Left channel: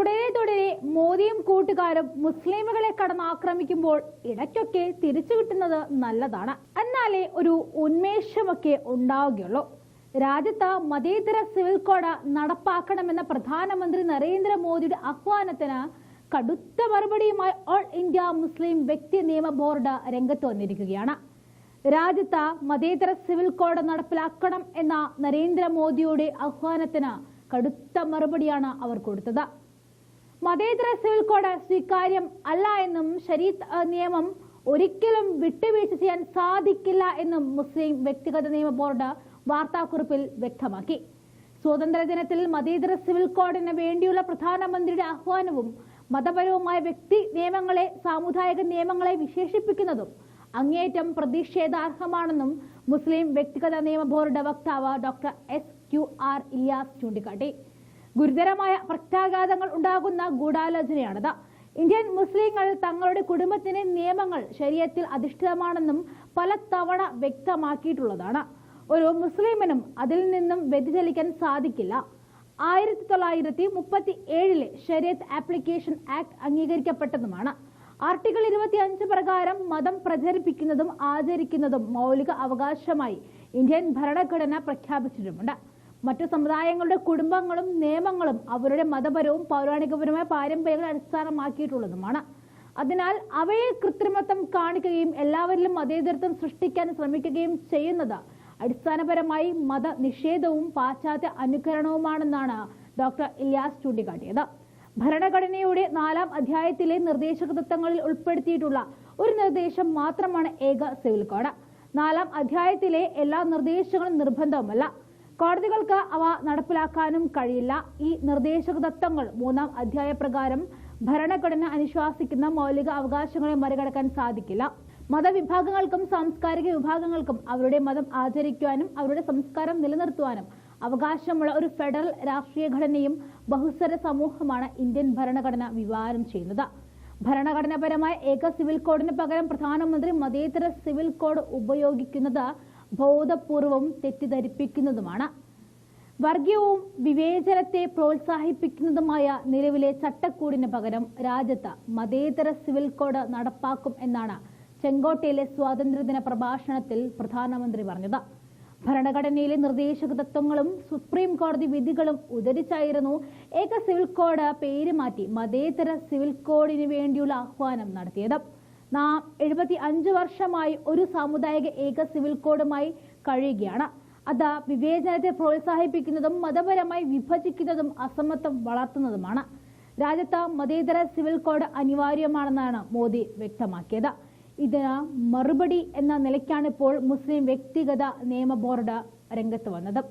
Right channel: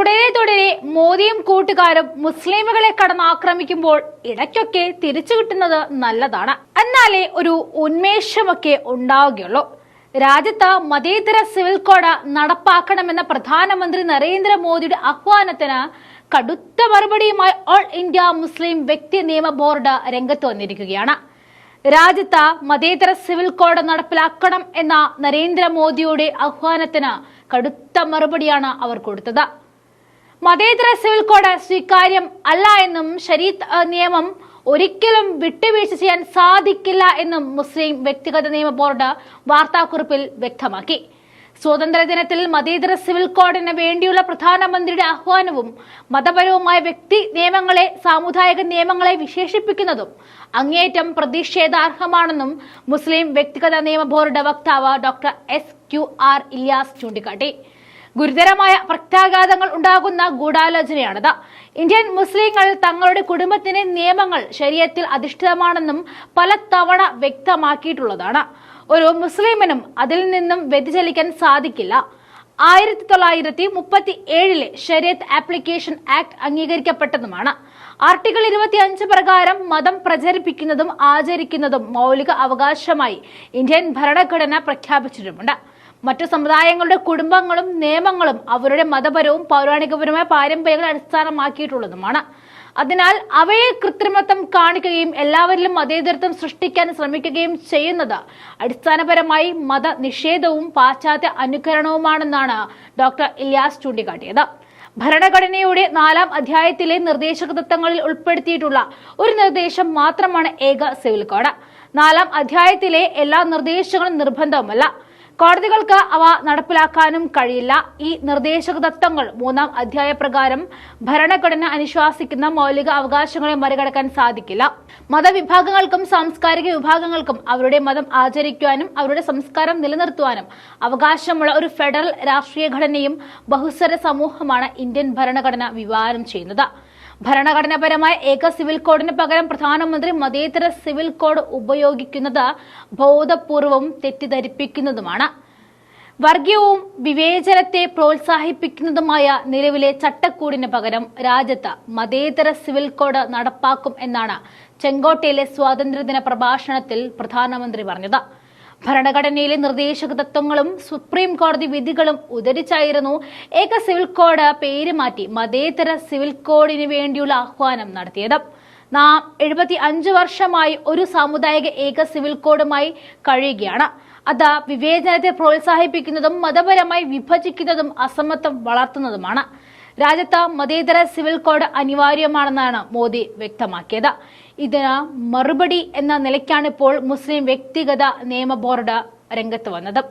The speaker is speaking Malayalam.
തുടരെ തുടരെ മോദിയും കൂട്ടുകാരും മുസ്ലിമുകളെ കടന്നാക്രമിക്കുമ്പോൾ ഇടയ്ക്കൊക്കെ തിരിച്ചു കിട്ടുന്നത് നല്ലതാണ്. എന്നാലേ ഒരു ഉന്മേഷമൊക്കെ ഉണ്ടാവുകയുള്ളൂ. രാജ്യത്ത് മതേതര സിവിൽ കോഡ് നടപ്പാക്കണമെന്ന പ്രധാനമന്ത്രി നരേന്ദ്രമോദിയുടെ ആഹ്വാനത്തിന് കടുത്ത മറുപടിയുമായി ഓൾ ഇന്ത്യ മുസ്ലിം വ്യക്തി നിയമ ബോർഡ് രംഗത്ത് വന്നിരിക്കുകയാണ്. രാജ്യത്ത് മതേതര സിവിൽ കോഡ് നടപ്പിലാക്കണം എന്ന നരേന്ദ്രമോദിയുടെ ആഹ്വാനത്തിന് കടുത്ത മറുപടിയാണ് അവർ കൊടുത്തത്. മതേതര സിവിൽ കോഡ് സ്വീകാര്യം അല്ല എന്നും ശരീത് നിയമം ഒരിക്കലും വിട്ടുവീഴ്ച ചെയ്യാൻ സാധിക്കില്ല എന്നും മുസ്ലിം വ്യക്തിഗത നിയമ ബോർഡ് വാർത്താക്കുറിപ്പിൽ വ്യക്തമാക്കി. സ്വാതന്ത്ര്യ ദിനത്തിൽ മതേതര സിവിൽ കോഡിന് വേണ്ടിയുള്ള പ്രധാനമന്ത്രിയുടെ ആഹ്വാനവും മതപരവുമായ വ്യക്തി നിയമങ്ങളെ സാമുദായിക നിയമങ്ങളെ വിശേഷിപ്പിക്കുന്നതും അങ്ങേയറ്റം പ്രതിഷേധാർഹമാണെന്നും മുസ്ലിം വ്യക്തിഗത നിയമ ബോർഡ് വക്താവ് doctor S Q R Ilyas ചൂണ്ടിക്കാട്ടി. ഗുരുതരമായ പ്രത്യാഘാതങ്ങൾ ഉണ്ടാകുന്ന ഗൂഢാലോചനയാണിത്. ഇന്ത്യൻ മുസ്ലിങ്ങൾ തങ്ങളുടെ കുടുംബത്തിന്റെ നിയമങ്ങൾ ശരീരത്തിൽ അധിഷ്ഠിതമാണെന്നും പലതവണ വ്യക്തമാക്കിയിട്ടുള്ളതാണ്. ഒരു മുസ്ലിമിനും അതിൽ നിന്നും വ്യതിചലിക്കാൻ സാധിക്കില്ല. ആയിരത്തി തൊള്ളായിരത്തി മുപ്പത്തി ഏഴിലെ ശരീഅത്ത് ആപ്ലിക്കേഷൻ ആക്ട് അംഗീകരിക്കപ്പെട്ടതുമാണ്. ആർട്ടിക്കിൾ ഇരുപത്തി അഞ്ച് പ്രകാരം മതം പ്രചരിപ്പിക്കുന്നതും ആചരിക്കുന്നതും മൗലിക അവകാശമായി ഇന്ത്യൻ ഭരണഘടന പ്രഖ്യാപിച്ചിട്ടുമുണ്ട്. മറ്റു സമുദായങ്ങളുടെ കുടുംബങ്ങളും നിയമങ്ങളും അവരുടെ മതപരവും പൗരാണികപരവുമായ പാരമ്പര്യങ്ങൾ അടിസ്ഥാനമാക്കിയിട്ടുള്ളതുമാണ്. അതിനാൽ അവയെ കൃത്രിമത്വം കാണിക്കുകയും എല്ലാവരിലും മതേതരത്വം സൃഷ്ടിക്കാൻ ശ്രമിക്കുകയും ചെയ്യുന്നത് അടിസ്ഥാനപരമായി മത നിഷേധവും പാശ്ചാത്യ അനുകരണവുമാണെന്നാണ് ഡോക്ടർ ഇലിയാസ് ചൂണ്ടിക്കാട്ടിയത്. ഭരണഘടനയുടെ നാലാം അധ്യായത്തിലെ നിർദ്ദേശക തത്വങ്ങളിൽ ഉൾപ്പെടുത്തിയിട്ടുള്ള ഒരു നിർദ്ദേശം മാത്രമാണ് ഏക സിവിൽ കോഡ്. നാലാം അധ്യായത്തിലെ എല്ലാ നിർദ്ദേശങ്ങളും നിർബന്ധവുമല്ല. കോടതികൾക്ക് അവ നടപ്പിലാക്കാനും കഴിയില്ല. ഈ നിർദ്ദേശക തത്വങ്ങൾ മൂന്നാം അധ്യായ പ്രകാരം ഭരണഘടന അനുശാസിക്കുന്ന മൗലിക അവകാശങ്ങളെ മറികടക്കാൻ സാധിക്കില്ല. മതവിഭാഗങ്ങൾക്കും സാംസ്കാരിക വിഭാഗങ്ങൾക്കും അവരുടെ മതം ആചരിക്കുവാനും അവരുടെ സംസ്കാരം നിലനിർത്തുവാനും അവകാശമുള്ള ഒരു ഫെഡറൽ രാഷ്ട്രീയ ഘടനയും ബഹുസ്വര സമൂഹമാണ് ഇന്ത്യൻ ഭരണഘടന വിവാഹം ചെയ്യുന്നത്. ഭരണഘടനാപരമായ ഏക സിവിൽ കോഡിന് പകരം പ്രധാനമന്ത്രി മതേതര സിവിൽ കോഡ് ഉപയോഗിക്കുന്നത് ബോധപൂർവവും തെറ്റിദ്ധരിപ്പിക്കുന്നതുമാണ്. വർഗീയവും വിവേചനത്തെ പ്രോത്സാഹിപ്പിക്കുന്നതുമായ നിലവിലെ ചട്ടക്കൂടിന് പകരം രാജ്യത്ത് മതേതര സിവിൽ കോഡ് നടപ്പാക്കും എന്നാണ് ചെങ്കോട്ടയിലെ സ്വാതന്ത്ര്യദിന പ്രഭാഷണത്തിൽ പ്രധാനമന്ത്രി പറഞ്ഞത്. ഭരണഘടനയിലെ നിർദ്ദേശക തത്വങ്ങളും സുപ്രീം കോടതി വിധികളും ഉദ്ധരിച്ചായിരുന്നു ഏക സിവിൽ കോഡ് പേര് മാറ്റി മതേതര സിവിൽ കോഡിന് വേണ്ടിയുള്ള ആഹ്വാനം നടത്തിയത്. നാം എഴുപത്തി അഞ്ച് വർഷമായി ഒരു സാമുദായിക ഏക സിവിൽ കോഡുമായി കഴിയുകയാണ്. അത് വിവേചനത്തെ പ്രോത്സാഹിപ്പിക്കുന്നതും മതപരമായി വിഭജിക്കുന്നതും അസമത്വം വളർത്തുന്നതുമാണ്. രാജ്യത്ത് മതേതര സിവിൽ കോഡ് അനിവാര്യമാണെന്നാണ് മോദി വ്യക്തമാക്കിയത്. ഇതിന് മറുപടി എന്ന നിലയ്ക്കാണ് ഇപ്പോൾ മുസ്ലിം വ്യക്തിഗത നിയമ ബോർഡ് രംഗത്ത് വന്നത്.